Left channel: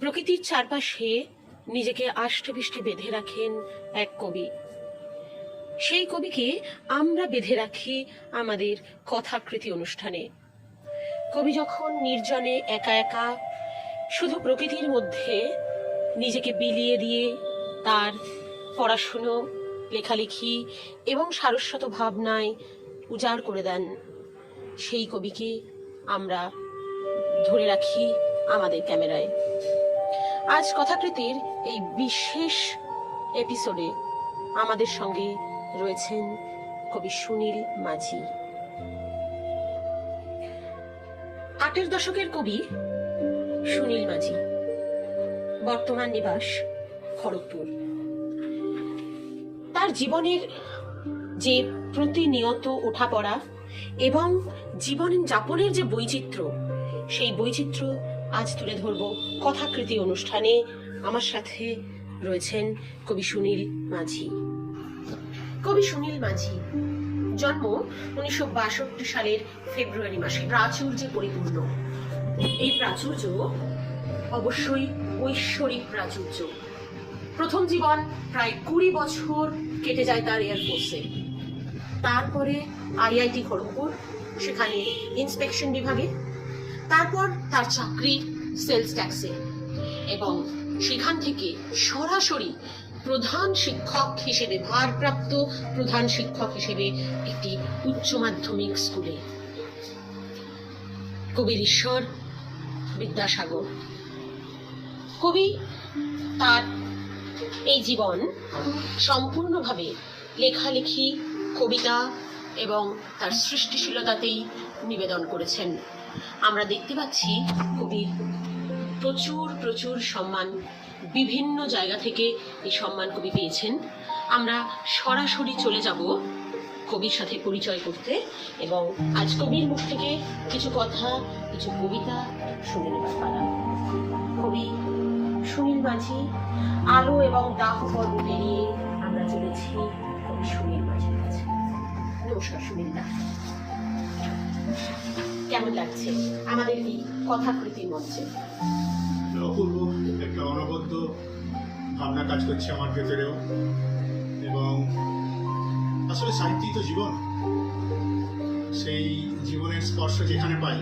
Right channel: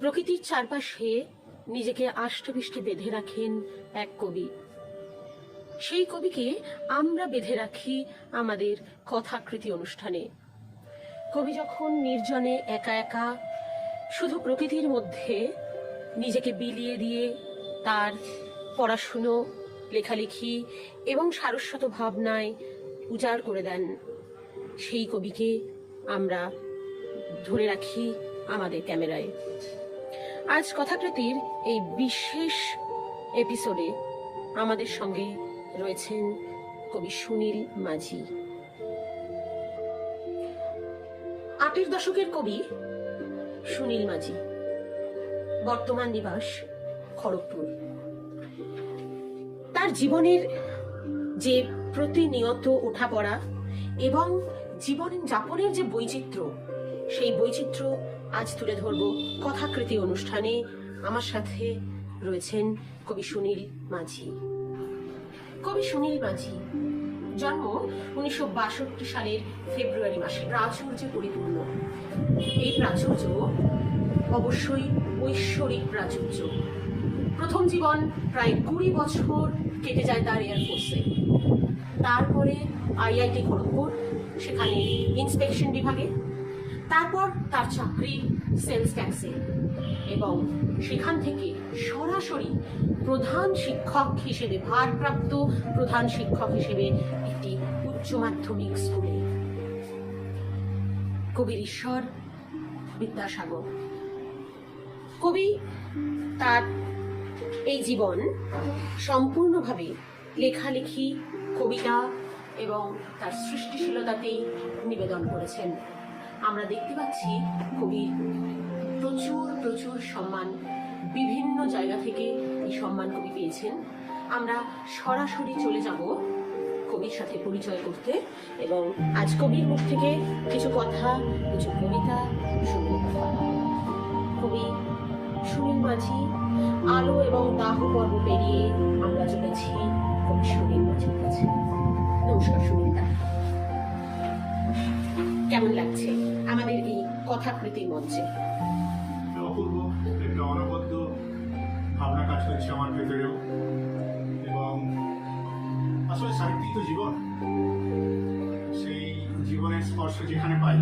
প্রকৃতির চারপাশে নিজেকে আষ্টেপৃষ্টে বেঁধে রাখেন এক কবি। সেই কবিকে আমরা বেঁধে রাখি আমাদের কথাকৃতি অনুষ্ঠানে। কবি যখন নির্জনে একা একা শুধু প্রকৃতির মধ্যে নিজেকে বিলিয়ে দিয়ে তার পড়াশুনো, লেখালেখি এবং সারস্বত ভাবনায় উজাড় করে দেন, সেই কবিকে আমরা ধরে রাখি আমাদের ক্যামেরায়। আজ কথাকৃতির এই বিশেষ এপিসোডে আমাদের সঙ্গে রয়েছেন কবি সুনীল মাঝি। ৮এর দশকের কবি সুনীল মাঝি, বর্তমান নিবাস খড়গপুর। তার জীবনের যে প্রতিনিয়ত ওঠাপড়া এবং জীবন যাপনের যে বৈচিত্র্য, সেই বৈচিত্র্য আজ তুলে ধরব কথাকৃতি অনুষ্ঠানে। আমার সাথে রয়েছেন কবি সুনীল মাঝি। কবি সুনীল মাঝি জন্ম 1962 সালের ফেব্রুয়ারি মাসে, প্রাচুর্যে পরিপূর্ণ। এই প্রাচুর্য অবশ্যই ঐশ্বরিক প্রাচুর্য। প্রথম জীবন প্রায় 20 বছর কেটে যায় তার এয়ারফোর্সে, তারপরে আইআইটি খড়গপুর, সেখানে ইন্সপেকশন বিভাগে, তারপর তার চাকরি সেলস ট্যাক্সে, এবং সেখান থেকে সরাসরি প্রধান শিক্ষক হিসেবে, ভারপ্রাপ্ত প্রধান শিক্ষক হিসেবে একটি উচ্চ মাধ্যমিক স্কুলে। কবির ঈশ্বর বিদ্যাসাগর। কবি তার এই জীবন সম্পূর্ণভাবে লেখালেখি, কবিতা এবং তার সৃষ্টিশীলতাতেই নিবেদন করেছেন। আমরা দেখতে পাচ্ছি কবির প্রচুর প্রচুর সম্মান, বিভিন্ন জায়গা থেকে এই সম্মান কবি পেয়েছেন। আমরা সরাসরি চলে যাব কবির সাথে পরিচয় করতে, এবং আজ কবির মুখ থেকে কিছু কথা, কিছু কবিতা শুনতে পারা। কবি সুনীল মাঝি, আলো এবং দাহ পর্ব পেরিয়ে আমরা চলেছি কবি সুনীল মাঝির কাছে। নমস্কার সুনীল দা, কেমন লাগছে আমাদের এই কথাকৃতি মঞ্চে? অপূর্ব একটা অনবদ্য ভাবনা কাজ করছে আমার ভেতরেও, এবং আসলে সাহিত্যই তো জীবন। সেই জীবনের স্পর্শ যেখানে পাই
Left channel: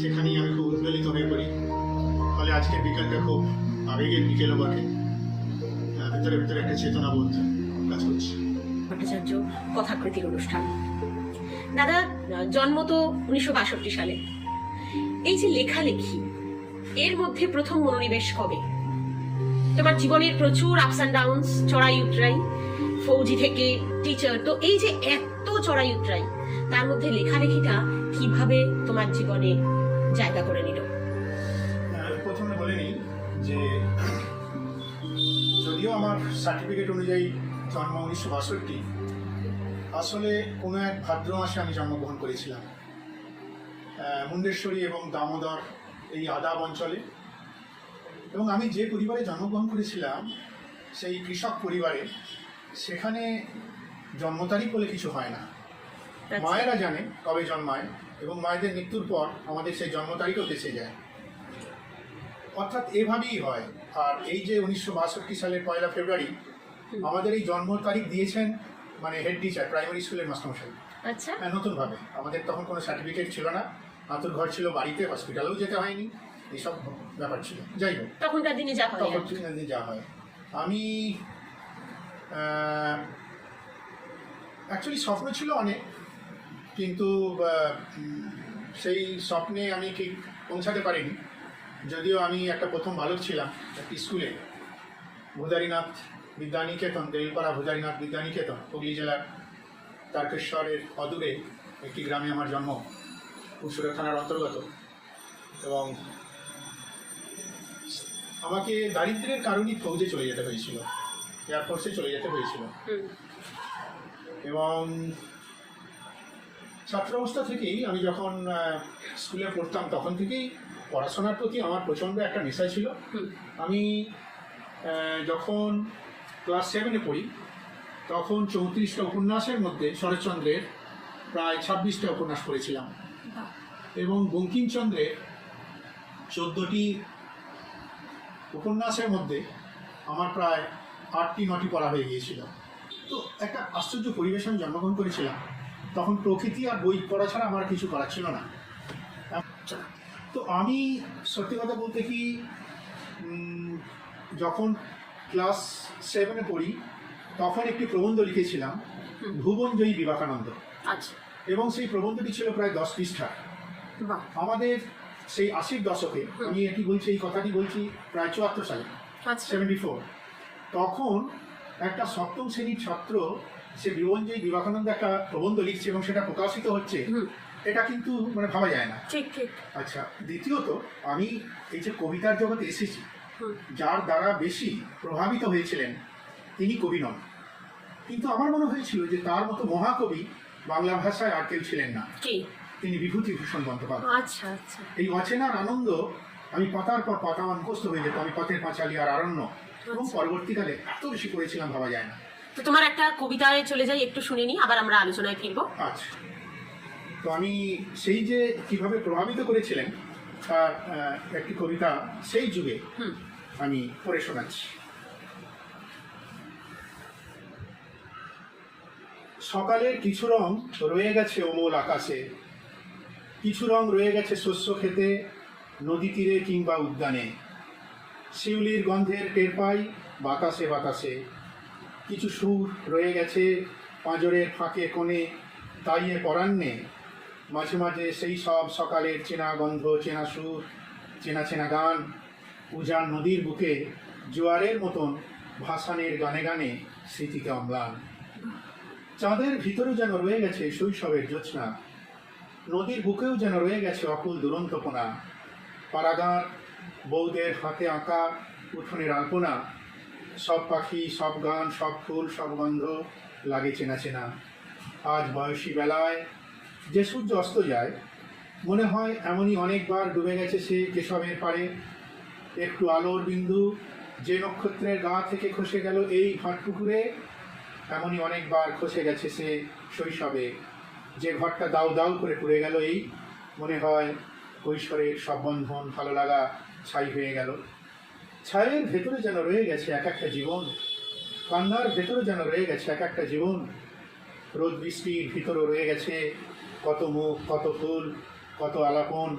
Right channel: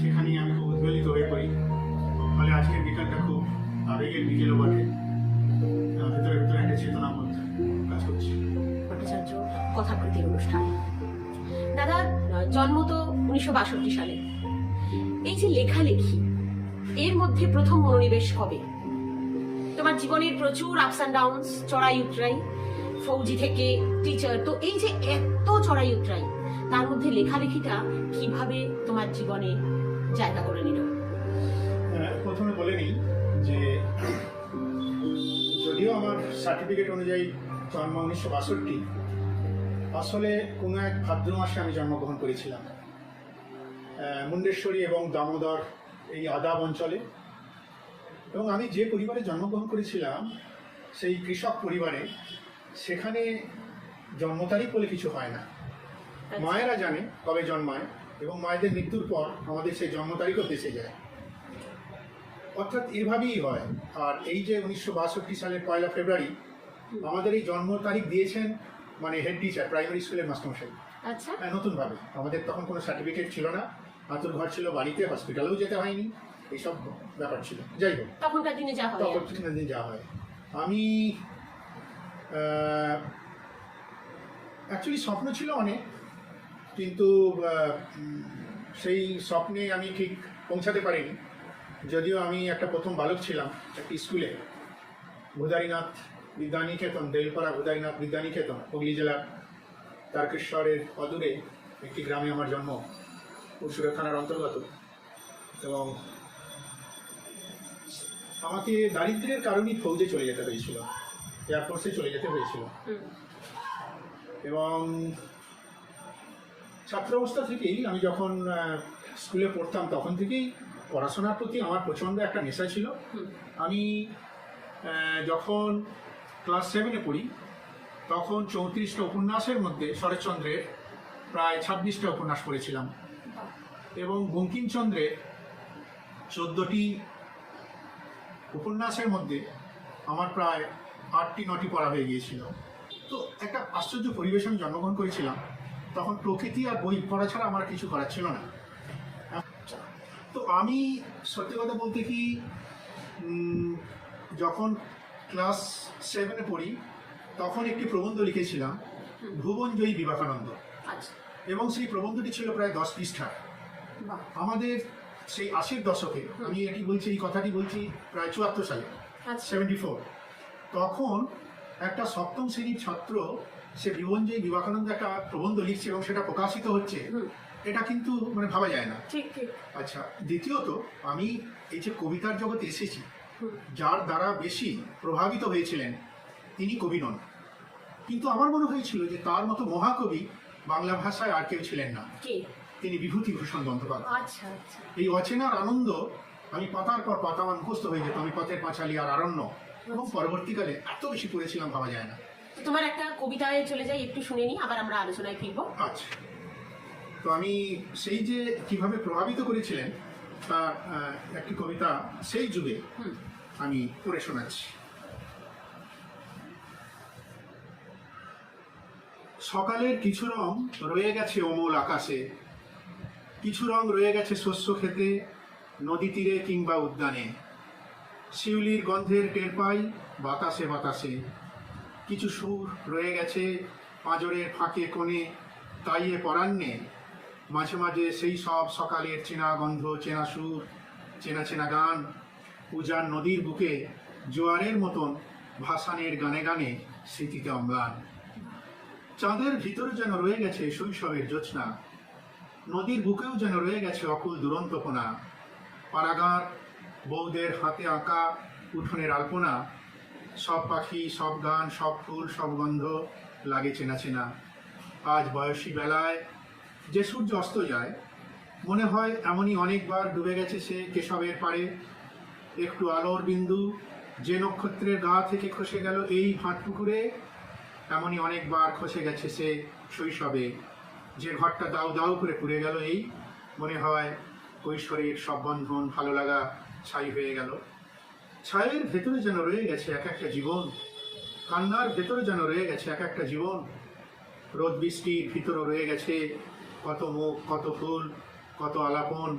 সেখানেই আমি খুব উদ্বেলিত হয়ে পড়ি। ফলে আজকের বিকালটা খুব আবেগের বিকেলও বটে। ভেতরে ভেতরে একটা চেতনাবোধ কাজ করছে। ভট্টাচার্য কথাকৃতির অনুষ্ঠান। দাদা, জন্ম তো 1962 সালে। এই যে লেখালেখি, এর মধ্যে প্রথম মনোনিবেশ কবে? তোমার জীবনের প্রচুর আপস অ্যান্ড ডাউনস, চড়াই উতরাই, ফৌজি থেকে টিচার, তো এই যে এত চড়াই উতরাই, তার মধ্যে লেখালেখিটা কিভাবে তোমার জীবনে জায়গা করে নিল? প্রথমে বলে নিই যে যদিও আমার সার্টিফিকেট অনুযায়ী জন্ম 1962, আসলে কোনো এক ভাদ্র মাসে আমি জন্মগ্রহণ করেছিলাম মুন্ডেশ্বরী এবং দামোদর এই আদাব অঞ্চলে। এবং আমি যে পরিবারে জন্মগ্রহণ করেছিলাম সেই কৃষক পরিবারে, সেখানে জন্ম তারিখ বলে কিছু হয় না। মায়েরা জানে কবে জন্মায়, এবং মায়েদের মৃত্যুর পর আমাদের সেই জন্ম তারিখও দেশে যায়, অর্থাৎ এভাবেই হয়। আর এই যে 1962 সালের 1 ফেব্রুয়ারি আমাদের এই জন্ম তারিখ দিয়েছেন মানে হেড টিচার, প্রাইমারি স্কুলের মাস্টারমশাই। আচ্ছা, নতুনভাবে আমাদের তখন কোনো সার্টিফিকেট ছিল না, আতুর ঘর ছিল বাড়িতে, হসপিটালেও যেতে হয়নি, এইসব ব্যাপার ছিল। যাই হোক, তখনকার দিনে যা হয়, তখনকার দিনে যা হয়। আমি অ্যাকচুয়ালি স্বপ্ন ছিল অনেক, কিন্তু সেই স্বপ্নে আমি ঠিক পৌঁছাতে পারিনি। যদিও আমি একটা প্রথম বালক ছিলাম একটি স্কুলে, ভুদারীনাথ বিদ্যানিকেতন, দেলপাড়া ভুদারীনাথ বিদ্যানিকেতন, হুগলি জেলার তারকেশ্বরের অদূরে একটি গ্রামে আমার জন্ম, পুরসুরা থানার অন্তর্গত। এবং আমাকে দারিদ্র্যের কারণেই ফৌজে চলে যেতে হয়েছিল, এয়ারফোর্সে চলে যেতে হয়েছিল। এবং ছাত্র অবস্থা থেকেই আমি যখন স্কুলে পড়তাম তখন থেকেই পড়াশোনার প্রতি আমার প্রচণ্ড একটা নেশা ছিল। আমি যখন ক্লাস 7-এ পড়ি তখন 34টা উপন্যাসের মধ্যে শরৎচন্দ্রের প্রায় 26টা উপন্যাস পড়েছিলাম, এবং বঙ্কিমচন্দ্রের 14টি উপন্যাসের মধ্যে আমার প্রায় 8টি-9টি পড়া হয়ে গিয়েছিল। তো একটা আশ্চর্য পরিবেশে আমি জন্মগ্রহণ করেছিলাম। তখন প্রকৃতি আর বই পড়া ছাড়া আমার কিছু করার ছিল না। তো আমি সত্যি কথা বলতে কি, যখন ক্লাস 7-এ পড়ি তখন একটি প্রবন্ধ লিখেছিলাম, ভুবনজয়ী বিবেকানন্দ। আচ্ছা। এবং সেই প্রবন্ধটি ছিল প্রায় 10 পৃষ্ঠা। বাহ। আমাদের সেই 80-র দশকে, আমি এটি বলছি, এই কথাটি বলছি প্রায় 74 সালে, আচ্ছা। 74। তখন একটা সপ্তম শ্রেণীর ছাত্র সে ভুবনজয়ী বিবেকানন্দ একটা প্রবন্ধ লিখছে এবং সেটা প্রকাশিত হচ্ছে, এটা কিন্তু মানে ভাবা যায় না। ঠিক ঠিক। আচ্ছা, দ্বিতীয়ত আমি এই যে কবিতার জগতে এসেছি, যার দ্বারা বেশি প্রভাবিত হয়েছিলেন তিনি কবি নন, কিন্তু আমার মনে হয়েছিল যে তার মতো মহাকবি বাংলা ভাষায় আর কেউ ছিলেন না। কি? তিনি বিভূতিভূষণ বন্দ্যোপাধ্যায়। আচ্ছা আচ্ছা। এই অচেনার আনন্দ, আমি পাতার পর পাতা মুখস্থ হয়ে যেত, আমি পথের পাঁচালী আর আরণ্য, এবং পরবর্তীকালে এত বেশি পড়েছিলাম ভাবা যায় না। তো তোমার একটা কবিতায় চলে যাই, একটু শুনে নি, আবার আমরা আলোচনায় ফিরবো। আচ্ছা, তো আমি সেই যে কিভাবে প্রভাবিত করেছিলেন তার একটি কবিতা সেই যুগে আমি পড়ে শোনাচ্ছি। সকালের কিছু রং রয়ে গেছে অমল আকাশে, কিছু রং রয়ে গেছে শস্য খেতে, নদী তীরে কিংবা উদ্যানে। শিউলির গন্ধের টের পাই বাতাসে বাতাসে, কিছু সুর রয়ে গেছে পাঁজরের ফাঁকে কোণে, তাইয়ে পরান্নে মাঝে মাঝে সেই সব সকালের চেনা গন্ধ, চেনা সুর, চেনা চেনা গান, উজান নদীর বুকে জোয়ারের মতন ভাসানের গানে গানে স্মৃতিতে অম্লান। চাঁদের ভিতরে যেন রয়ে গেছে শৈশবের জ্যোৎস্না, নদীর বুকেও যেন রয়ে গেছে অকুল দুরন্তপনা। পাড়াগাঁর বউদের হাতে আঁকা উঠোনের আলপনা, সব পাখি, সব গান, সব ফুল, সব গন্ধ লাগে চেনা চেনা। আজ বয়সী বেলায় যে সূর্য অস্ত যায়, মনে হয় এমনই অনেকবার ডুবে গেছে সে কেশবের পাড়ে। একটু আলোর বিন্দু যে নক্ষত্রের গা থেকে খসে গেল এই ভাঁটপুকুরে, এমনই অনেকবার খসে গেছে সে শৈশবে। যে ঘরটা দাউ দাউ করে পুড়ে গেল, এই মনে হয় কৈশোরের সব বন্ধন ভালো লাগা ছাই হয়ে গেল। ছায়ের ভেতরে যেন রয়ে গেছে এক একটা জীবন, কান্নার ভেতরে যেন রয়ে গেছে এক একটা জীবন। রোদ বৃষ্টির ভিতরে রয়ে গেছে কত মুখ, কত ফুল, কত আলাপন।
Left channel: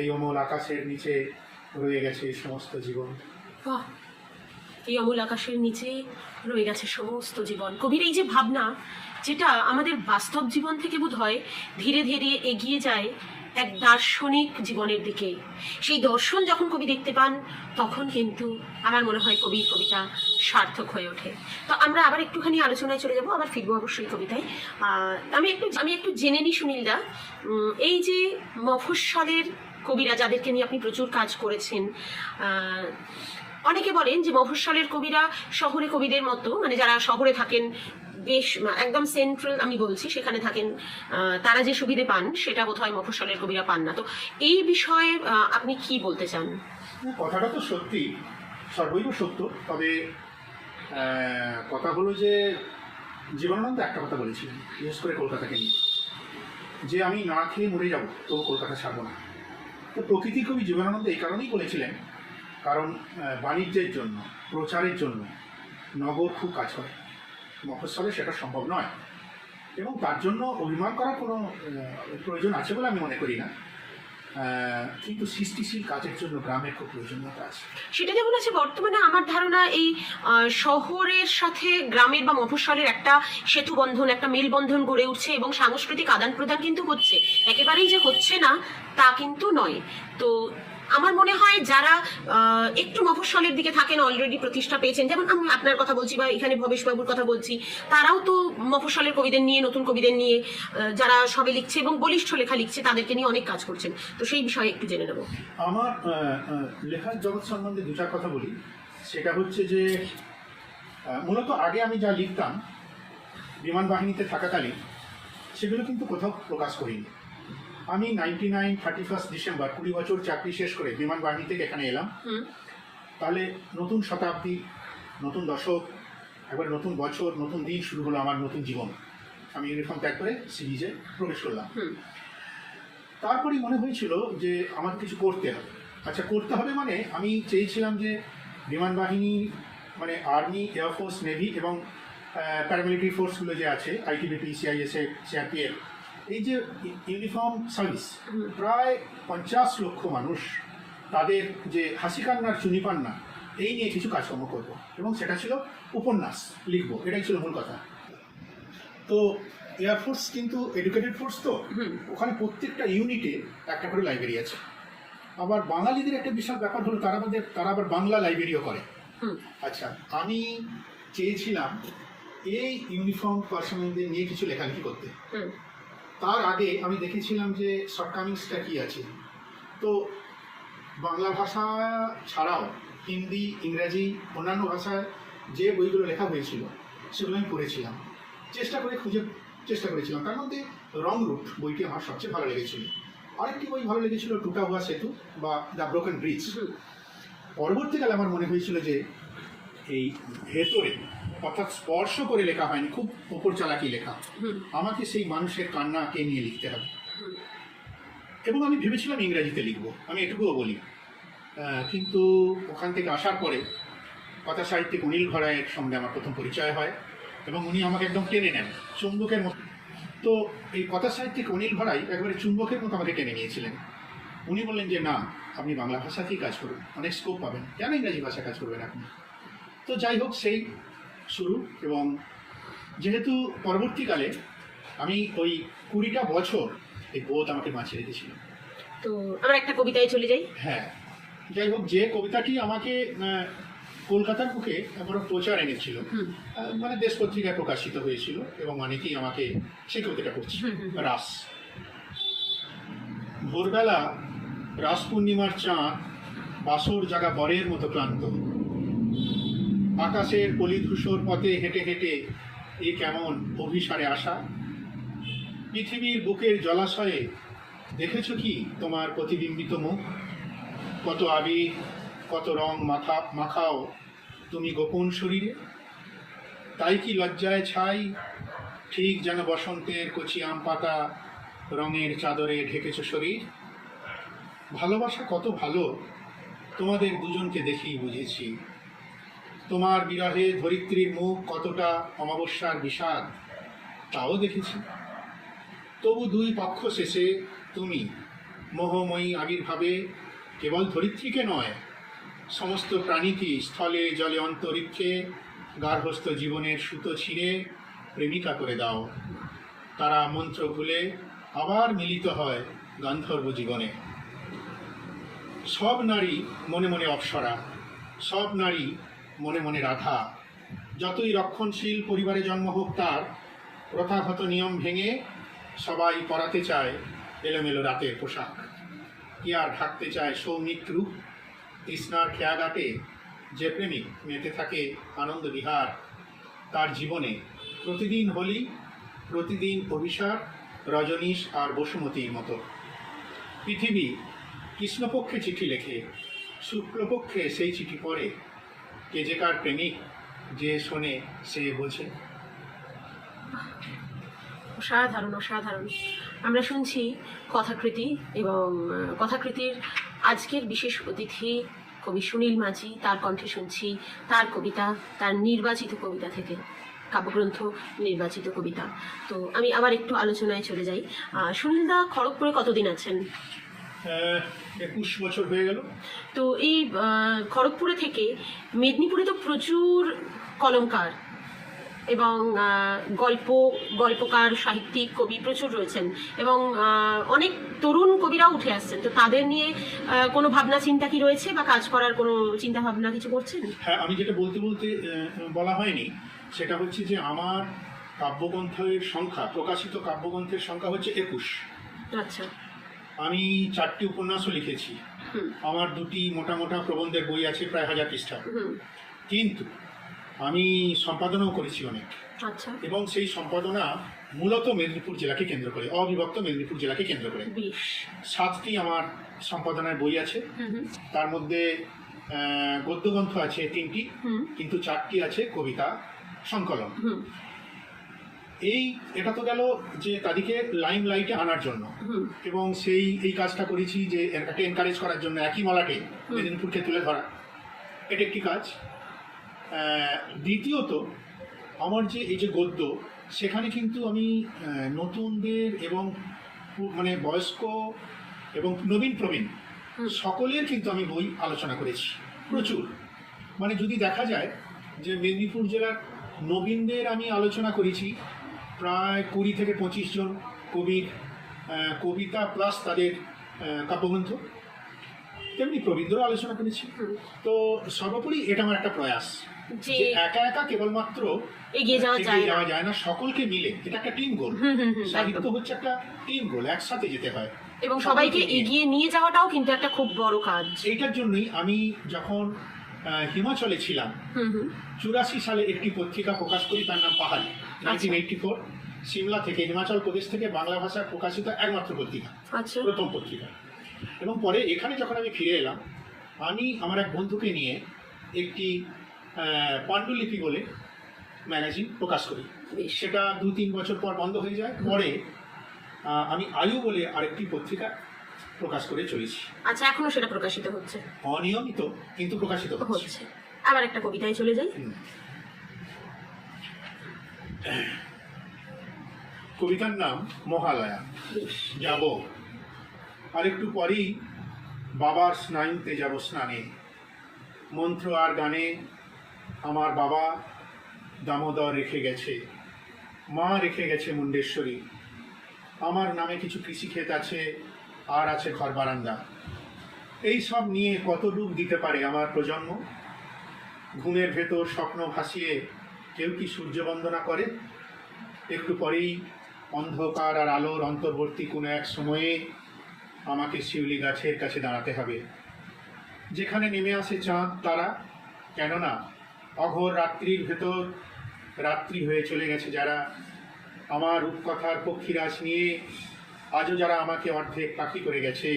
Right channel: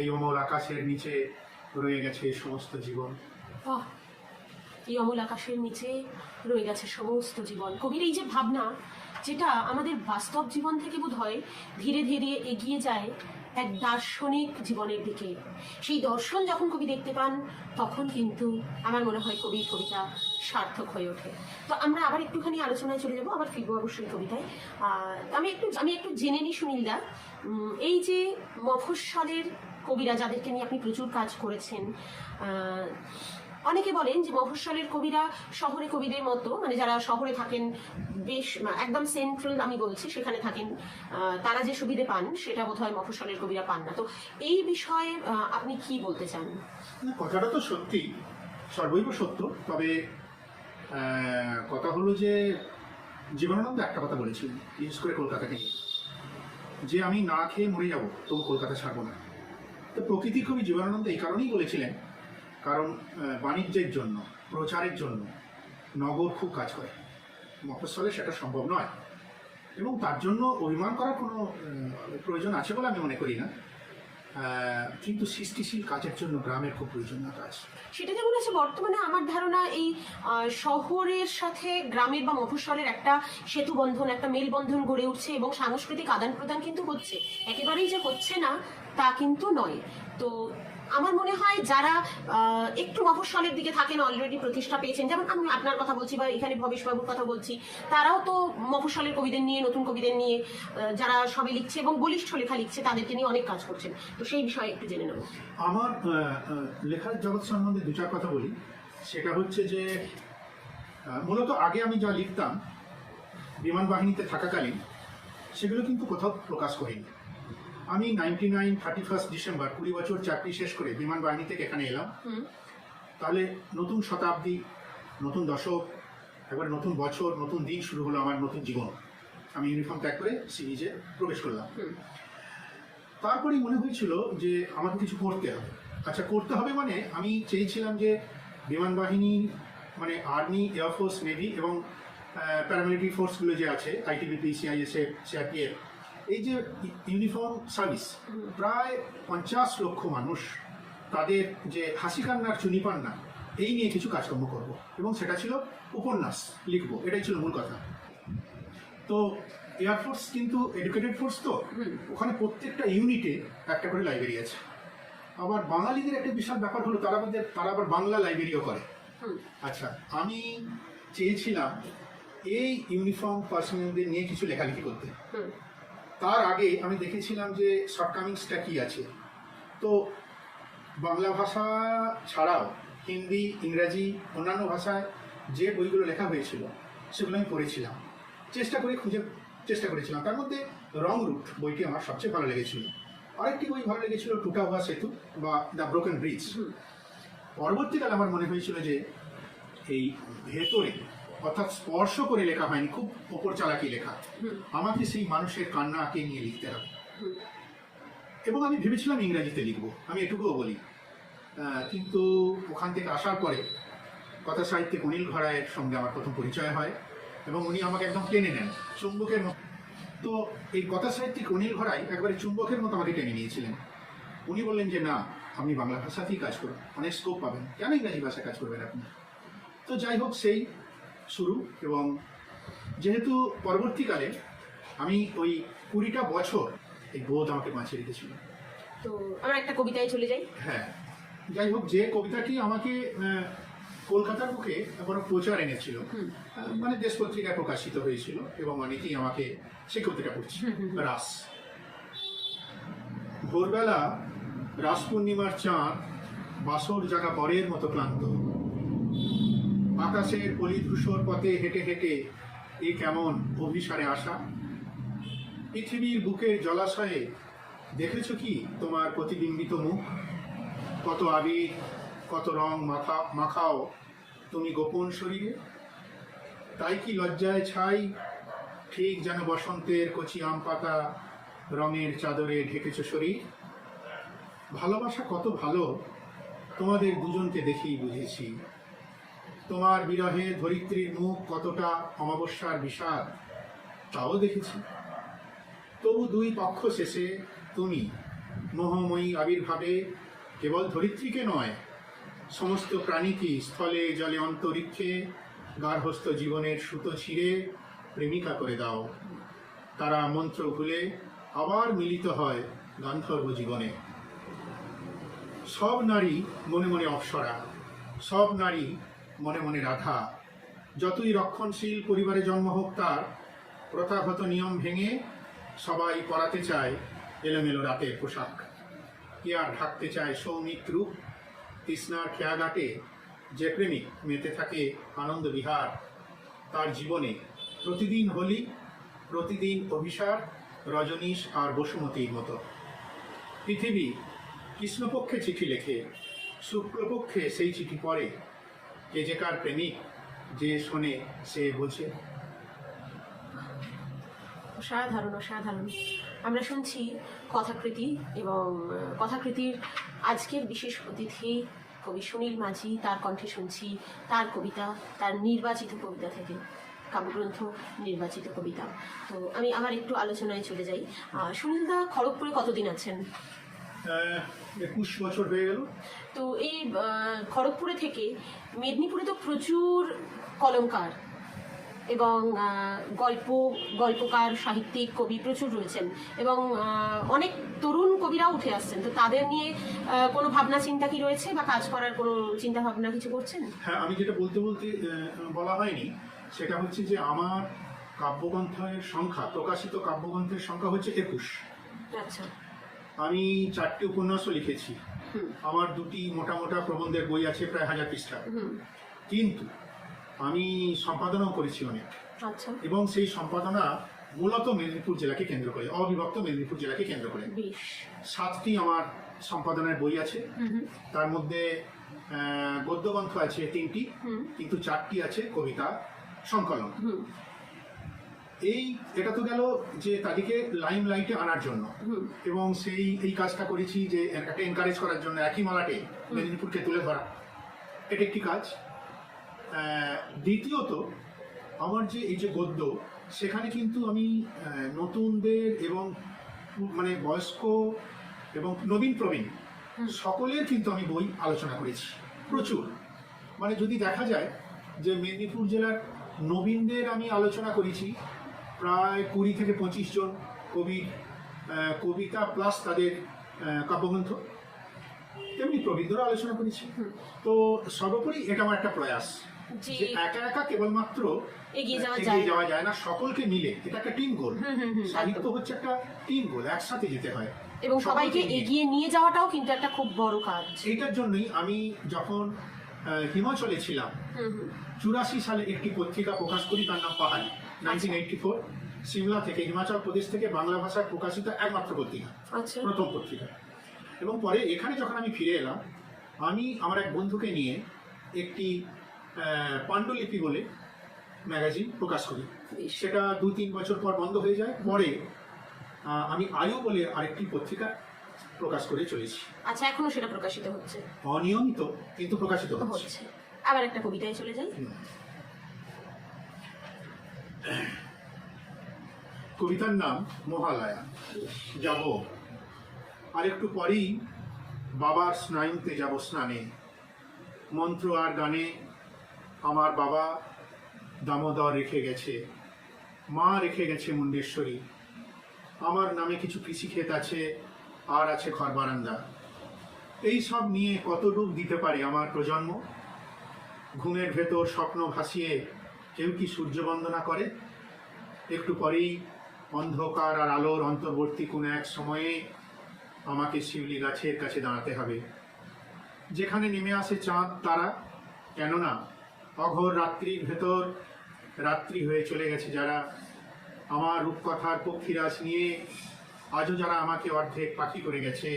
এই অমল আকাশের নিচে রয়ে গেছে সমস্ত জীবন। বাহ, এই অমল আকাশের নিচে রয়ে গেছে সমস্ত জীবন। কবির এই যে ভাবনা, যেটা আমাদের বাস্তব জীবন থেকে বোধ হয় ধীরে ধীরে এগিয়ে যায় এক দার্শনিক জীবনের দিকে। সেই দর্শন যখন কবি দেখতে পান, তখন কিন্তু আমার মনে হয় কবির কবিতা সার্থক হয়ে ওঠে। তো আমরা আবার একটুখানি আলোচনায় চলে যাব, আবার ফিরবো অবশ্যই কবিতায়। আমি একটু জেনে নিই সুনীলদা, এই যে মফস্বলের কবিরা যাদেরকে নিয়ে আপনি প্রচুর কাজ করেছেন, অনেকে বলেন যে মফস্বলের কবিরা শহরে কবিদের মতো, মানে যারা শহরে থাকেন বেশ একদম সেন্ট্রাল, আমি বলছি সেখানে থাকেন, তারা যে সুবিধে পান সেটা বোধহয় মফস্বলের কবিরা পান না। তো এই বিষয়ে আপনি কি বলতে চান? কথাটা তো সত্যি, সর্বৈব সত্য। তবে কথা হলো যে জীবনানন্দ একটা কথা বলেছিলেন, বিশেষ করে কলকাতাকে নিয়ে, যে আমি না খেয়ে মরে যাব তবু কলকাতা ছাড়বো না। তো প্রকৃতি কবি জীবনানন্দ এই কারণেই বলেছিলেন, কারণ বাণিজ্যের জন্য, প্রচারের জন্য নগর খুব কাজ হয়, মফস্বলে সেটা সম্ভব নয়, এবং তার জন্য অভিমান করার কোনো প্রয়োজন আছে বলে আমি মনে করি না। কিন্তু সৃষ্টিশীল কাজের জন্য গ্রামের খুব প্রয়োজনীয়তা আছে। সেটা যেমন আছে, বর্তমানে আমার ধারণা এই শহরের সাথে গ্রামের বা মফস্বলের একটা সেতু বন্ধন, একটা মেলবন্ধন গড়ে উঠছে, এবং সাংস্কৃতিক আদান প্রদান কিন্তু হচ্ছে, একেবারেই যে হচ্ছে না তা কিন্তু নয়। তো আমার মনে হয় যারা একটু মফস্বলের দিকে থাকেন, অলরেডি প্রতিষ্ঠা পেয়েছেন, যেমন আমি আপনার কথা বলছি বা এখানে ভবেশবাবুর কথা বলছি, তারাও তো মফস্বলের কবিদের নিয়ে, নতুন কবিদের নিয়ে, যারা সবে লিখছে এবং বলিষ্ঠ লেখা লিখছে, তাদেরকে নিয়ে অনেক কাজ করছেন। তো সেই বিষয়ে একটু জেনে নেব। আমার লেখার জগৎ সম্বন্ধে দু চার কথা বলি। সেটা হচ্ছে যে মূলত আগে আমি যা লিখতাম বিমান বাহিনীতে থাকাকালীন, সেগুলো কিন্তু কোথাও প্রকাশ করিনি। আমি 31 ডিসেম্বর 20 বছর চাকরি শেষ করে বিমান বাহিনী থেকে এখানে এলাম। তাহলে নতুন শতাব্দী, নতুন দশক, একবার নতুন বছর, নতুন দিন শুরু হলো আমার নতুন জীবন। আমি ইউনিফর্ম ত্যাগ করে সিরিজে প্রবেশ করলাম। তারপরেই মনে হয়েছিল যে আমাকে কিছু করতে হবে। আচ্ছা, করতে হবে মানে আমি চেয়েছিলাম যে বিমান বাহিনী মানে আর্মি, এয়ারফোর্স, নেভি এবং প্যারামিলিটারি ফোর্সগুলো যে আছে আইটিবিপি, সিআইএসএফ, সিআরপিএফ, এই যে ইউনিফর্ম সার্ভিস, প্রায় 50 লক্ষ মানুষ, তাদের যে হাসি কান্নার চুনিপান্না, এই নিয়ে কিছু কাজকর্ম করব এবং সেটা ছিল উপন্যাস লিখব, এটাই ছিল মূল কথা। তো এয়ারফোর্স কিন্তু এডুকেটেড ফোর্স, তো ওখানে প্রত্যেকটা ইউনিটে একটা করে লাইব্রেরি আছে। আবার বাঙালিদের একটা বিশাল ব্যাপার হলো তারা আবার বাংলা লাইব্রেরিও করে। আচ্ছা, আমি চেয়েছিলাম এই ইউনিফর্ম পার্সোনালদের নিয়ে কিছু লেখালেখি করতে। তার আগে আমি দেখেছিলাম যে শর্টকামিংসটা কি আছে। তো বাংলা ভাষা ছাড়াও হিন্দি, ইংরাজি, অন্যান্য ভাষায় যে বইগুলো লেখা হয়েছিল সেগুলো আমি পড়েছিলাম, চেষ্টা করেছিলাম। তার মধ্যে রং রুট বইটি আমার সবচেয়ে ভালো লেগেছিল। আরেকটি বই ভালো লেগেছিল টুটা হুয়া সেতু বা দ্য ব্রোকেন ব্রিজ। পরবর্তীকালে আমার মনে হয়েছিল যে এই ভেতরে, অর্থাৎ স্পর্শ করে লেখা হয়নি, খুব ওপর চালাকি লেখা, আমাকে সেই মানুষের কান্নাকে নিয়ে লিখতে হবে। এবং আমি ভেবেছিলাম ইংরাজিতে লিখবো, আমি এটুকুও বলি। কিন্তু ওখান থেকে আসার পরে কথা সাহিত্যিক অনিল ঘরায়ের সঙ্গে আমার প্রথম পরিচয় হয় এবং উনি আমাকে একদম টেনে নেন চুম্বকের মতো। তো এই কথা সাহিত্যিক অনিল ঘরাই একবারে চুম্বকের মতো আমাকে টেনে নিয়েছিলেন। উনি বললেন যে না, আপনি বাংলা ভাষাতেই কাজ করুন, অনেক স্কোপ পাবেন, কেন ইংরাজি ভাষায় কাজ করবেন আপনি। তো যাই হোক, সেই শুরু। এবং যেহেতু পরবর্তীকালে আমি ওই 20টা বছর এই বোধ আমাকে বাঁচিয়ে রেখেছিল। তো আমরা একটা কবিতায় চলে যাই। হ্যাঁ, যাই হোক, যে কবিতাটি আমাকে কলকাতার বুকে বড় প্রচার এনেছিল, মানে দেশ পত্রিকায় প্রকাশিত হয়েছিল এবং অনেকেই আমাকে সেই কবিতাটা পড়ছি। রাস। ভোরবেলা রাস পূর্ণিমার চাঁদ বাসর জাগা বরের মতো ক্লান্ত, আকাশের পলিধূসর পথে হেঁটে হেঁটে এ কেমন অভিসারে আসা। পৃথিবীর বুকের জলাশয়ে দেখেছ কি তোমার প্রতিবিম্বিত মুখ, কত আবির, কত রং মাখাও তুমি গোপন শরীরে। তাই কি লজ্জায় ছাই, ঠিক যেন বসন্তের কচি আম পাতা রঙের চাদরে ঢেকেছ শরীর। ভালোবাসা কত ভালো তোমাদের দুজনকে দেখেই বুঝেছি। তোমার বিরহে ধরিত্রীর মুখ কতটা অমাবস্যার বিষাদ তাও দেখেছি। তবু দুই পক্ষ শেষে তুমি মোহময়ী আবির্ভাবে কেবল ধরিত্রীকে নয়, সমস্ত প্রাণীকে স্থলে জলে অন্তরিক্ষে গার্হস্থ জীবনের সুতো ছিঁড়ে প্রেমিকা করে দাও। তারা মন্ত্র ভুলে আবার মিলিত হয় গান্ধর্ব জীবনে। সব নারী মনে মনে অপ্সরা, সব নারী মনে মনে রাধা। যতই রক্ষণশীল পরিবারে জন্ম হোক তার, প্রথাগত নিয়ম ভেঙে সবাই পরাতে চায় এলোমেলো রাতের পোশাক। কি আর ঢাকতে চায় সৌমিক রূপ। তৃষ্ণার খেয়াঘাটে যে প্রেমিক মেতে থাকে আনন্দ বিহার, তার জীবনে প্রতিদিন হোলি, প্রতিদিন অভিসার, রজনীশ আর বসুমতীর মতো। পৃথিবী কৃষ্ণপক্ষে চিঠি লেখে, শুক্লপক্ষে সেই চিঠি পড়ে। কে যে কার প্রেমিক, যে শোনে সে বোঝে। অসাধারণ অসাধারণ। আমরা শুনছি কথাকৃতি, এবং কথাকৃতির আজকের বিশেষ অতিথি কবি সুনীল মাঝি, তার কণ্ঠে শুনছি তার কবিতা, তার নির্বাচিত কবিতা থেকে, কাব্যগ্রন্থ নির্বাচিত কবিতা। তো আমি আবার একটু আলোচনায় চলে যাই। সুনীলদা খড়গপুরে কতদিন আছেন? 21 বছর হয়ে গেল। তো এই খড়গপুরে থেকে মেদিনীপুরে তো প্রচুর কলমকার এবং গল্পকার, সাহিত্যিক, কবি প্রচুর রয়েছেন, এবং অনেক তরুণ কবিরাও উঠে আসছেন। তো তাদের নিয়ে কোনো ভাবনা চিন্তা কি রয়েছে, বা কাজ করার কোনো চিন্তা ভাবনা কিছু করছেন? হ্যাঁ, আমি যেটা বলতে বলা হয়নি, সেটা হচ্ছে যে আমার কাব্যগ্রন্থের সংখ্যা, প্রকাশিত কাব্যগ্রন্থের সংখ্যা হচ্ছে 21। আচ্ছা। আমি 4টি উপন্যাসও লিখেছি। আমার 2টি মোটা মোটা প্রবন্ধের বই আছে, প্রায় 1000 পৃষ্ঠা। কিন্তু আমি সম্পাদনাও করেছি অনেক। আচ্ছা। এবং সেই সম্পাদনা মূলত মেদিনীপুর জেলাকে কেন্দ্র করে, অবিভক্ত মেদিনীপুর জেলাকে কেন্দ্র করে। 7টি আমার সম্পাদনার বই আছে। তার মধ্যে গদ্যগ্রন্থ আছে 3টি, কিন্তু 4টি আছে কবিতা সংকলন। এটা তো গেল যে তাদেরকে লাইম লাইটে আনার জন্য, হুম। এবং এই কাজটা করেছি যে একটা এনকারেজ করার জন্য, একই মালাকে মেদিনীপুরকে তুলে ধরা, এটা একটি কাজ। দ্বিতীয়ত, আমার যে এই যে গদ্য, সেখানে কিন্তু আমি নতুনদের এবং মানে বয়স্ক এবং নবীন প্রবীণ সকলের কিন্তু আমি বই আলোচনা করেছি প্রচুর। মানে যদি দেখা যায় যে মেদিনীপুর জেলার নবীনদের আমি আলোচনা করেছি প্রায় 20 থেকে 25 জন কবির কবিতা প্লাস তাদের কাব্যগ্রন্থ, তেমনি প্রবীণদেরও আলোচনা করেছি। তো সর্বোপরি এটা আমার একটা প্রয়াস যে যে একা একা কেবলমাত্র এগিয়ে যাওয়া যায় না, সকলকে মিলে এটা একটা টিম গোল। সাহিত্য হচ্ছে একটা টিম গোল, একসাথে যেতে হয় এবং সবাইকে এগিয়ে নিয়ে যাওয়াটাও কিন্তু একটা খুব বড় কাজ। এইটার জন্যই আমি যখন হিমাচলে ছিলাম 84 সালে একটি পত্রিকা প্রকাশ করি, তার নাম পাহাড়ি, 1984, সিমলা থেকে, হিমাচল প্রদেশ থেকে বাংলা ভাষায় প্রকাশিত একমাত্র পত্রিকা, আচ্ছা। প্রথম পত্রিকা। এবং পরে এখানে যখন আমি ফিরে এলাম, আমি আমার এক বন্ধুকে নিয়ে একটি পাণ্ডুলিপি বলে ম্যাগাজিন প্রকাশ করি। সেটা 2-3 বছর পর বন্ধ হয়ে যায়। পরে আমি আয়ু বলে আরেকটি পত্রিকা প্রকাশ করে চলেছি। আচ্ছা, এখনো সেটা প্রকাশিত হচ্ছে? অনিয়মিত, কিন্তু প্রকাশিত হচ্ছে। আবার একটা কবিতায় চলে যাই। কবিতার নাম মহালয়া। যাব আরেকটু পরেই বাবার স্নায়ুতে যাব স্নানে, মন্ত্র আর গানে আমার বাবা দামোদর রেখে গেছে, মা রেখে গেছে মুন্ডেশ্বরী। আমার নামে কিছু কৃষিক্ষেত আছে, আর আছে ঘর বারান্দা। এই সব নিয়ে কত রূপ দিতে পারে আমার প্রজন্ম? ঘুমের ভেতর স্বপ্ন ভাসিয়ে কেউ কি সূর্য বন্দনা করে? একটু পরেই অন্ধকার আর আলোর অন্তর্বর্তী কোনো এক সময়ে আমাকে শিউলি গাছের কাছে দাঁড়াতে হবে, যেখানে নেমে আসে চাঁদ তারা। কেননা অঘোর রাত্রির ভেতর রাত্রি হয়ে চলে গেছে যারা, আমার রূপকথার পক্ষীরাজ নিয়ে আজও যারা আমাকে অর্ধেক পাখি করে গেছে,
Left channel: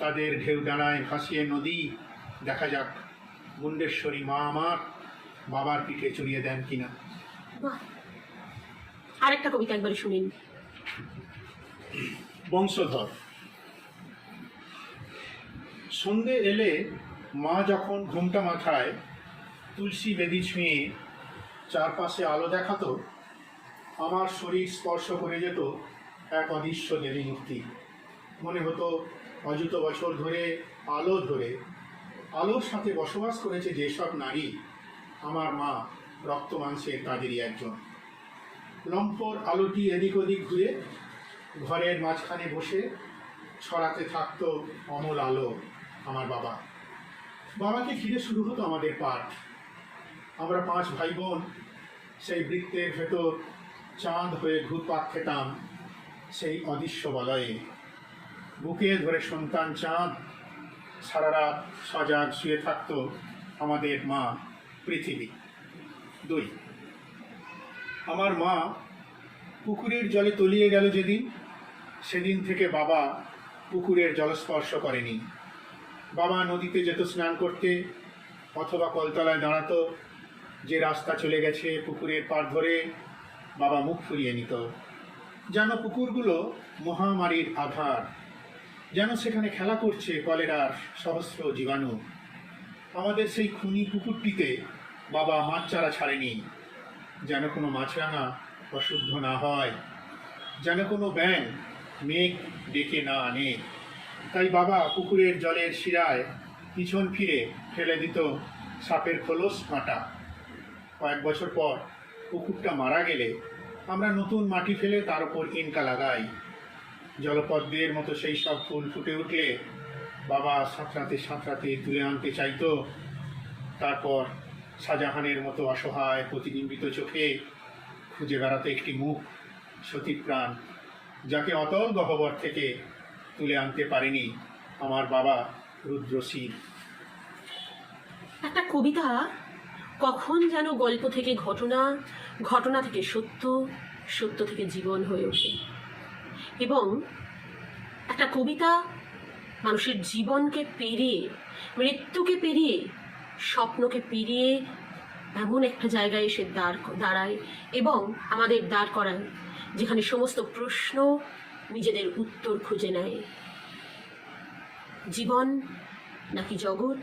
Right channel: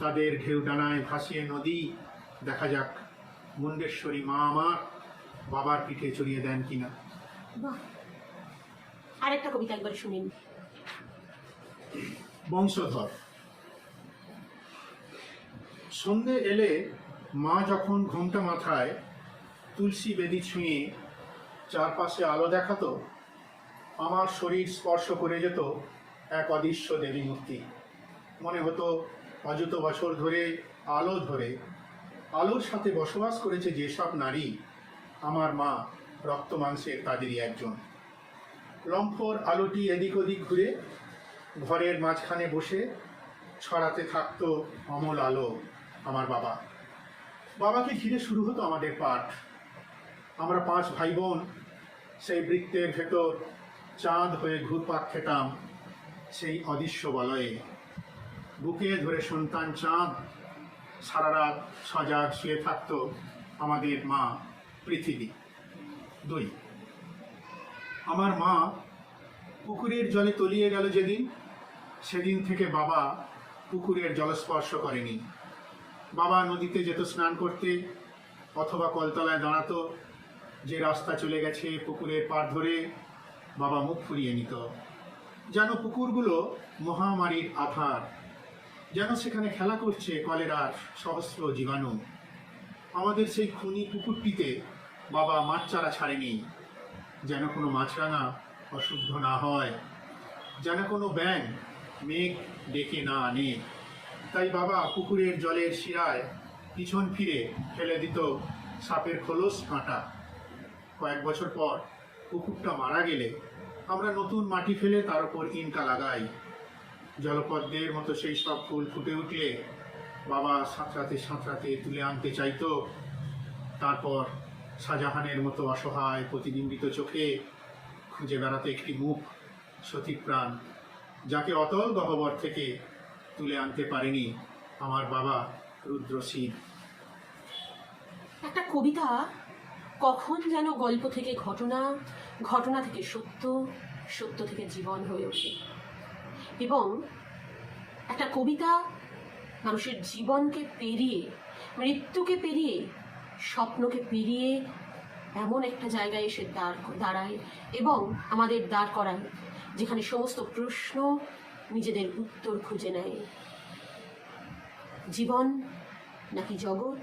তাদের ঢেউ ডানায় ভাসিয়ে নদী। দেখা যাক মুন্ডেশ্বরী মা আমার বাবার পিঠে চড়িয়ে দেন কিনা। আরেকটা কবিতা একবার শুনিন। বংশধর। সন্ধে এলে মা যখন ঘুমটা মাথায় তুলসী বেদি ছুঁয়ে চারপাশে আলো দেখাতো, আমার শরীর স্পর্শ করে যেত এক অদৃশ্য দেবী মূর্তি। মনে হতো অযত বছর ধরে আলোর সাথে বসবাস করেছে যেসব নারী, আমার মা রক্ত মাংসের তাদেরই একজন। লম্ফর আলোটি এদিক ওদিক ঘুরে ঘরের মাঝখানে বসে ছড়াতে থাকতো অমল আলো। আমার বাবাকে ঘিরে শুরু হতো আমাদের পাঠ। আমরা 5 ভাই বোন সেই বৃত্তের ভেতর চাঁদ হয়ে ঘুরপাক খেতাম সেই অদৃশ্য বলয়ে। বুকে ধরে সন্তান চাঁদ, সারা রাত সজাগ শুয়ে থাকতো আমাদের মা পৃথিবী। 2, আমার মা পুকুরের জলে তলিয়ে গেল যেদিন, সেদিন থেকে বাবা পুকুরের জলস্পর্শ করেনি। বাবা নদীতে যেত স্নান করতে অথবা কলতলায় দাঁড়াতো, যে রাস্তা চলে গেছে পুকুরের পাড় ধরে বাবা মুখ ফুরিয়ে নিত। যেন পুকুরগুলো মহামারীর আধার, যেন সেখানে খেলা করছে কলেরার সহস্র জীবাণু। আমাদের সেই খুনি পুকুরটিতে বাবা মাছ চারা ছাড়েনি, যেন কোনো মাছরাঙা অশুদ্ধ না হয়, যেন কোনো ব্যাঙ মেঘ ডেকে না আনে। তাই বাবা পুকুরের জলের শিরায় পিছন ফিরে ফেলে দিত সাপের খোলস কাঁটা। কয়েক বছর পর পুকুরটা মারা গেলে আমরা নতুন মাটি ফেলে তার উপর ইনকা লাগাই। জলপদ্মের মতো সেই সব ফুল ফুটে উঠলে বাবা সাঁতরাতে তুলে আনতে চাইতো। তারপর শাহজাহানের মতো অসহায় প্রতিবিম্বিত চোখে খুঁজে বেড়াতে একটি মুখ, সতীপ্রাণ, যাকে অতল গহ্বর থেকে তুলে আনতে পারেনি আমার বাবা রুদ্রশীল। একটা কবিতা কখন যেন গল্প থেকে ঘটনা, ঘটনা থেকে সত্য, সত্য থেকে জীবন হয়ে ওঠে। এবং একটা কবিতা মানুষের জীবনকে পেরিয়ে, মৃত্যুকে পেরিয়ে, স্বপ্নকে পেরিয়ে এমন একটা জায়গায় এসে দাঁড়ায় এবং আমাদের দাঁড় করায় যেখানে সমস্ত প্রশ্ন নিজেদের উত্তর খুঁজে নেয়। জীবন নাকি জগৎ,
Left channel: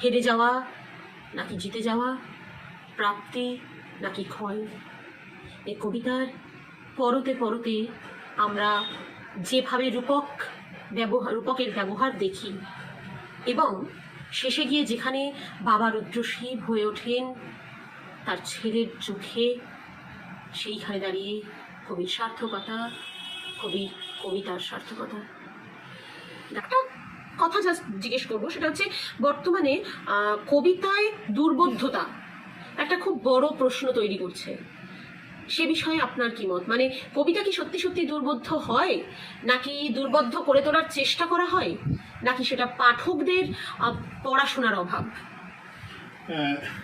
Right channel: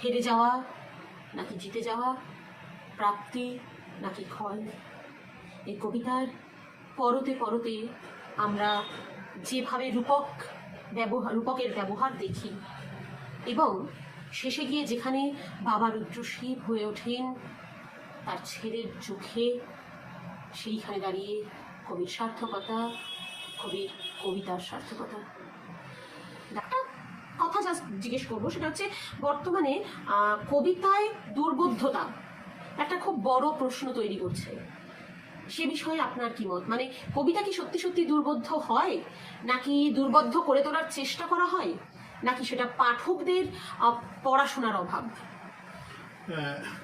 হেরে যাওয়া নাকি জিতে যাওয়া, প্রাপ্তি নাকি ক্ষয়, এই কবিতার পরতে পরতে আমরা যেভাবে রূপকের ব্যবহার দেখি এবং শেষে গিয়ে যেখানে বাবা রুদ্রশিব হয়ে ওঠেন তার ছেলের চোখে, সেইখানে দাঁড়িয়ে কবির সার্থকতা, কবির কবিতার সার্থকতা। একটা কথা যা জিজ্ঞেস করবো সেটা হচ্ছে, বর্তমানে কবিতায় দুর্বোধ্যতা একটা খুব বড় প্রশ্ন তৈরি করছে। সে বিষয়ে আপনার কি মত? মানে কবিতা কি সত্যি সত্যি দুর্বোধ্য হয়, নাকি দুর্বোধ্য করে তোলার চেষ্টা করা হয়, নাকি সেটা পাঠকদের পড়াশোনার অভাব?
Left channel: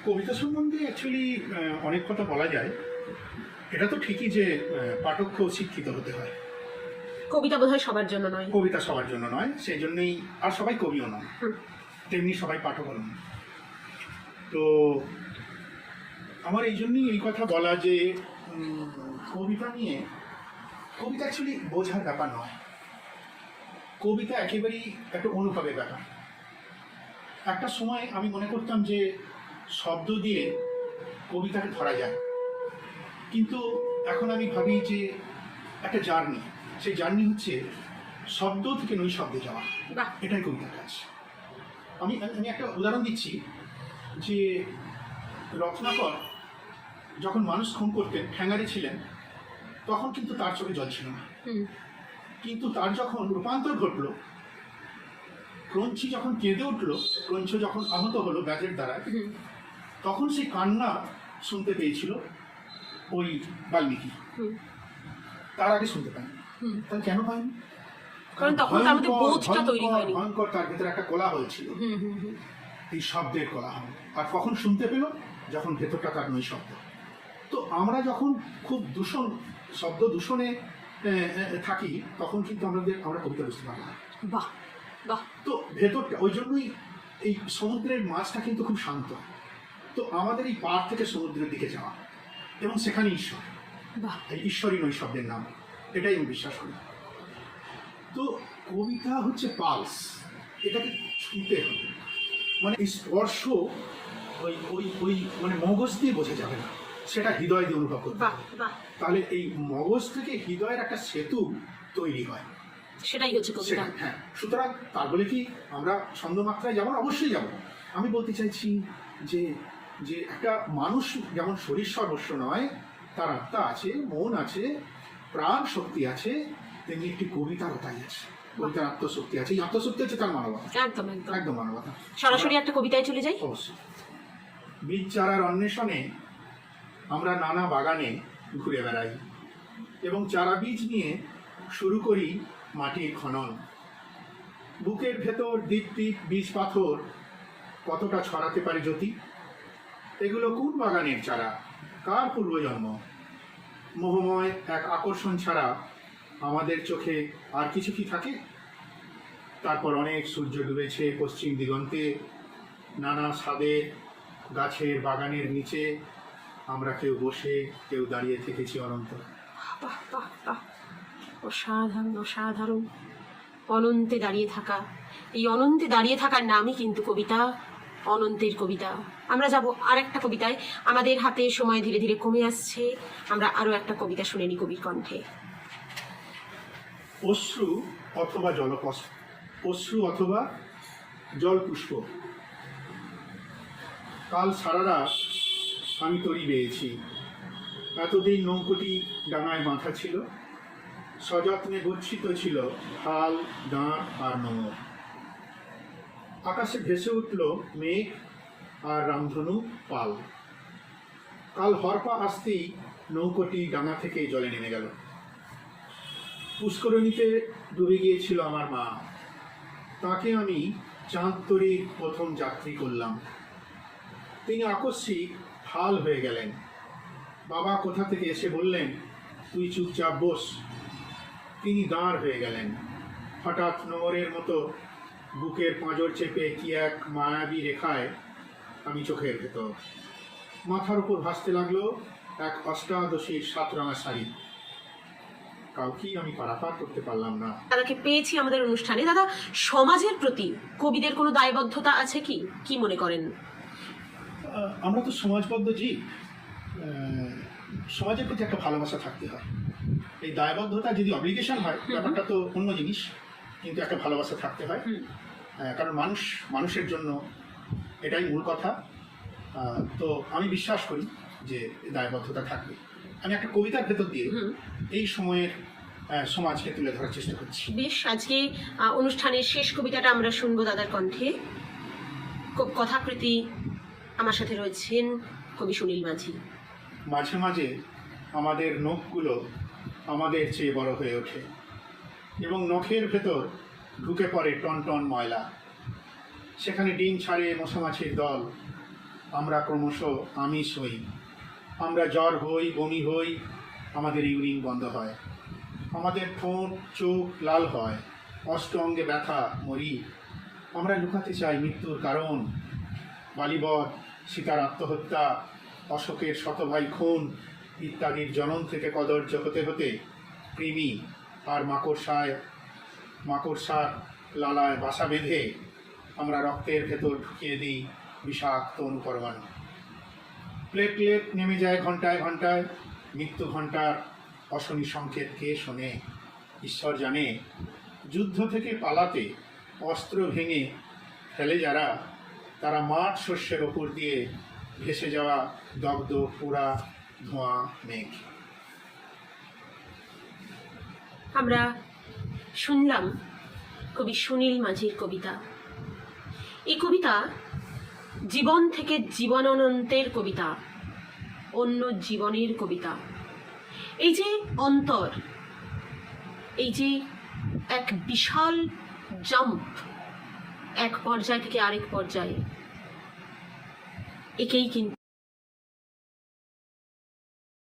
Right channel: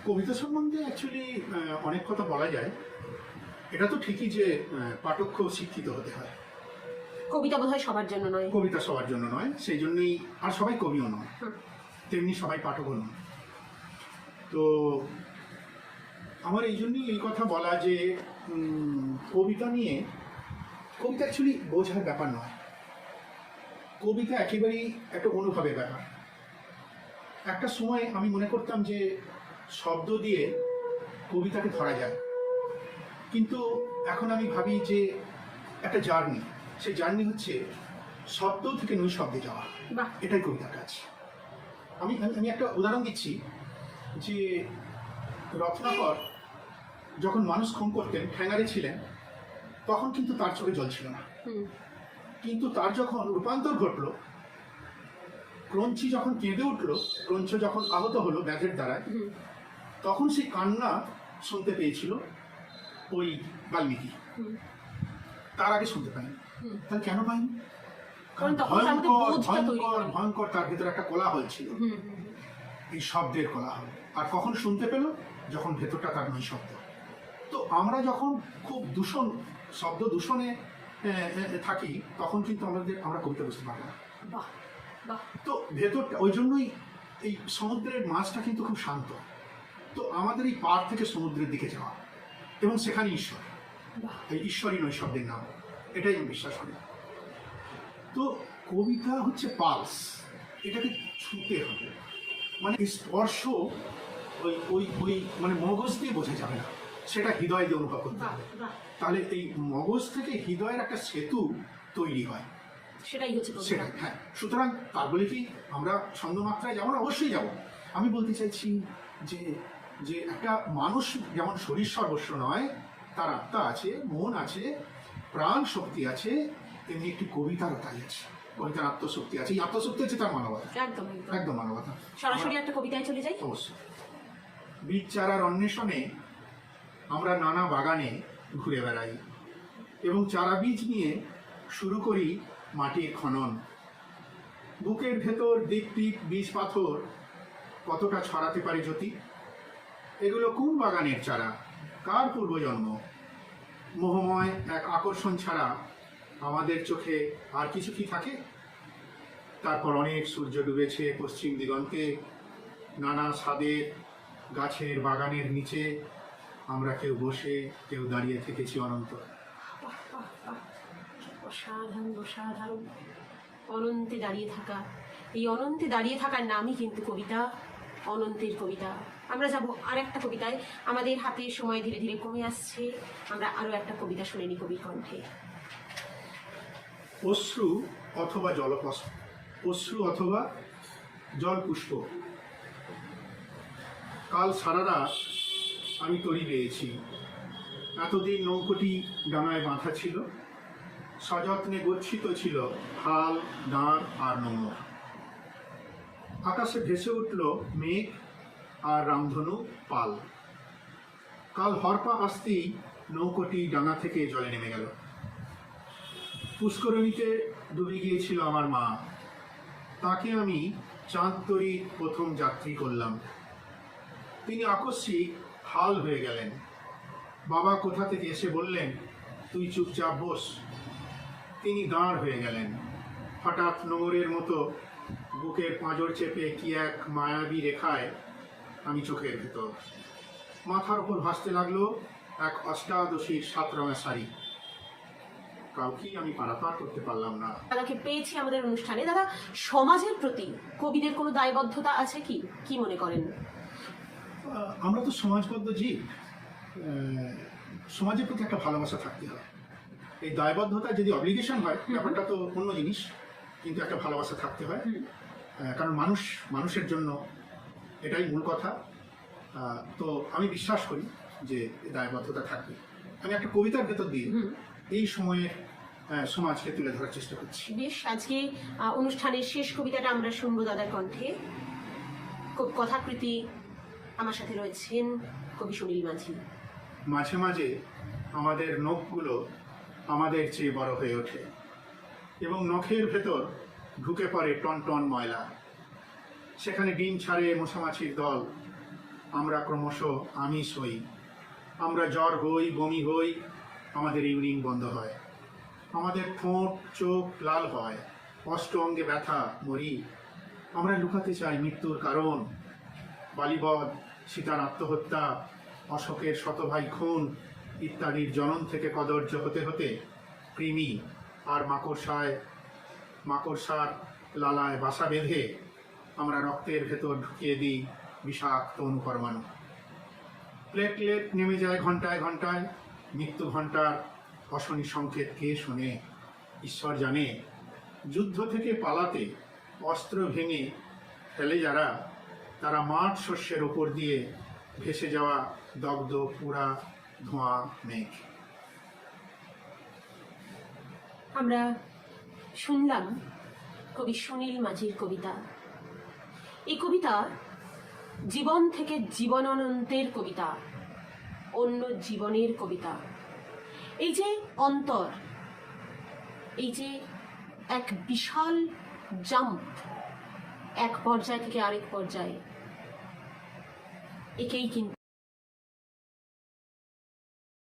কবিতা সম্বন্ধে অ্যাকচুয়ালি অনেক কথা বলা যায়। এটা তো ঠিকই যে পাঠককেও শিক্ষিত হতে হয়। কবিতা বোধহয় সবার জন্য নয়। কবিতা সবার জন্য নয়, সেই জন্যই আর সবাই কবিও নয়, তেমনি সবাই পাঠকও নয়। তো আমার এই জন্যই এই কথা বলা যে কবিতা নিয়ে, কবিতা অ্যাকচুয়ালি বোঝার ব্যাপার নয়, কবিতা একেবারেই একটা অনুভবের ব্যাপার। একটা সময় আমি মনে করতাম যে শব্দ দিয়ে কবিতাকে ধরা যায়, কিন্তু এখন আমি ভাবি যে একটা জার্নি, সেই জার্নি হচ্ছে শব্দ থেকে নৈশব্দে যাওয়া, এটাই কবিতার কাজ। আমি আমি একটা উদাহরণ দিচ্ছি যে রত্নাকর যখন মানুষ খুন করতেন, ঠ্যাঙারি ছিলেন, তখন কিন্তু তার চোখে জল ছিল না, কিন্তু তার যখন রূপান্তর ঘটল, ক্রঞ্চি যখন কেঁদে উঠলো, ক্রঞ্চ যখন আহত হলো ব্যাজের দ্বারায়, তখন সেই কান্না শুনতে পেয়েছিল ওই বাল্মীকি, তার আগে শুনতে পায়নি। তাহলে কেন পায়নি? কারণ তখন তার মধ্যে বোধটা তৈরি হয়নি। ভয়ঙ্কর তার ভেতরে একটা কোলাহল ছিল, এই শব্দের কোলাহল। আর কখন শুনতে পেল? যখন ভেতরটা তার নৈশব্দ। তো আমরা যখন খুব শব্দ দূষণে থাকি, তখন কিন্তু আমরা কবিতা বুঝতে পারি না। বাহ বাহ। তো ভেতরটা, ওই জন্যই এই সমুদ্রের মাছটা কিন্তু খুব শান্ত। তো আমাদের এই পাড় থেকে সমুদ্রের দিকে যাওয়া, এবং সেখানে ঈশ্বর, এই ঈশ্বরই নৈশব্দের নাম, এটাই আমি বিশ্বাস করি। তো কবিতা হচ্ছে পালস, এটাকে ছুঁতে হবে, মানে স্পর্শ ওই ওই ওই মানে মগজ দিয়ে বোঝা যাবে না, সেটা হৃদয় দিয়ে অনুভব করতে হবে। তাহলে এই মগজ থেকে হৃদয়ের একটা সেতু তৈরি হয়, সেটাই হচ্ছে কবিতা। হ্যাঁ, সুতরাং তার বলে কি আমরা ছন্দমাত্রায় যেমন অবশ্যই যাব, আমি বলতে চাইছি যে যে একটা মানুষ যেমন শরীর সর্বস্ব নয়, তার আত্মা আছে, মন আছে, প্রাণ শক্তি আছে, তেমনি একটি কবিতারও তাই আছে, কবিতার আত্মশক্তি আছে। এই আত্মশক্তি আছে তার মানবতা, একদম একদম মানবতা। সরাসরি একটা কবিতায় চলে যাই। অবশ্যই। বীজ চারার অন্বেষণে আমরা নানা বাগানে ঘুরে বেড়াই এবং চারা বীজ নিয়ে শুরু করি মাটির খনন। বুকের ভেতর দ্বীপ দ্বীপ বীজ পাথর কতটা ছড়াতে পারে জ্যোতি? এগুলো কোন বাগানের চারা, কার পূর্বজন্ম? মোহময় এক আকর্ষণ ছাড়া আমাদের চোখে আর কিছু কি থাকে? তারপর অনেক সূর্য ডুবেছে পশ্চিম দিগন্তে, নানা স্বাদের গাছের বাগানের নিচে আমরা কেউ বসে, কেউ দাঁড়িয়ে থেকেছি অনন্ত। অসাধারণ অসাধারণ। অনন্তে দাঁড়িয়ে থাকা, এই অনন্তে দাঁড়িয়ে থাকার নামই কিন্তু কবিতা, অনন্তের কবিতা। আমরা যাব আর একটা কবিতায়, আমাদের হাতে সময় ধীরে ধীরে কমে আসছে, আমরা আরো একটা কবিতা শুনে নি কবির কণ্ঠে। অশ্রু অথবা জলপুষ্প, অশ্রু অথবা জলপুষ্প। কাল সারা রাত আমি তরি বেয়েছি, এতদিন নৌকোটি ডানায় মাথা ছিল, সযত্নে গচ্ছিত ছিল হাল, দাঁড় আর নোঙর। আকাশে ভেসে উঠল মেঘ আর রামধনু পাল। কাল হরপা আসতেই নৌকোটি ডাঙা থেকে জলে নেমে গেল। পুষ্করিণীতে ডুবে গিয়েছিল আমার মা, তাকে আমি চাঁদ তরীর প্রথম যাত্রী করলাম। তিনি আকস্মিক হাল হয়ে গেলেন। বাবা কোথা থেকে এসে বললেন, তুই চুপচাপ বস। তিনি দাঁড় হয়ে গেলেন। হঠাৎ নোঙরের মতো বুকের পাঁজর চেপে কি এক মায়াবী রেখায় আমি চোখের ভেতর। মাথার ওপর ভাসতে লাগলো এক অষ্টাদশীর 7 রঙা শাড়ি। কাউকেই আমি পারাপার করতে পারলাম না। দাদাকে পেয়েছি আমাদের অনুষ্ঠানে। দাদা, সমাজের প্রতি কবিদের কোনো দায়বদ্ধতা আছে কি? কি মনে করেন? আমরা তো সমাজবদ্ধ জীব। সমাজের প্রতি একটা ভালোবাসা থাকতে হয়। এই দায়বদ্ধতা যদি অব্লিগেশন হয় ব্যাপারটা তো অন্য জিনিস, কিন্তু একটা ভালোবাসা থাকতে হয়। কারণ মানুষের জন্য এটাই মূল কথা। তো আমি বিশ্বাস করি যে দায়বদ্ধতা থাকবে। আমি একটা কবিতার ভেতর দিয়ে এই সময়ের সমাজকে তুলে ধরার চেষ্টা করছি। বেশ, আজকে অনুষ্ঠানের শেষ কবিতাটা আমরা শুনবো দাদার কণ্ঠে। কথাকৃতি আমার সাথে রয়েছেন কবি সুনীল মাঝি। মাঝে মাঝে আমাদের নখগুলো আমাদের চেয়ে বড় হয়ে ওঠে এবং নখের ভেতর ঢুকে পড়ে টন টন ময়লা। সেখানে ডিম ছাড়ে মশামাছির দল। আমরা ক্রমশ আমিষ হই, আমরা জ্বর হই, বমি হই, আমাদের ইউরিন বন্ধ হয়, আমাদের ঠোঁট চোখ লাল হয়, অষ্ট অঙ্গে ব্যথা, মরি। আমরা লুকাতে চাই মৃত্যুর কারণ। বালিবধ, সীতার আত্মহত্যা, অশোকের শতভাই খুন ইত্যাদির জনন থেকে কদর্য হতে হতে কৃমি আর মাকড়সার লালায় বাসা বেঁধে আমরা রক্তের ভেতর ঢুকিয়ে দিই বিষাক্ত অনুপরমাণু। প্লেটলেট নেমে যায় ঘন্টায় ঘন্টায়। মৃত্যু ঘন্টার অশনি সংকেত কে শোনে? ঈশ্বর জানে। যুদ্ধ থেকে পালাতে অস্ত্র ভেঙে ফেলে যারা, তারা মাঠ শস্যের ওপর দিয়ে ভেসে যাওয়া দগ্ধ পোড়া ধোঁয়া মেঘ। আমরা শুনলাম কবি সুনীল মাঝির কবিতা। এই কবিতা জীবন থেকে জীবনানন্তের কবিতা, অন্য জীবনের কবিতা। এই যে অন্তর, এই যে এক বিশাল জাম্প এক পর্যায় থেকে আরেক পর্যায়ে, একেই কিন্তু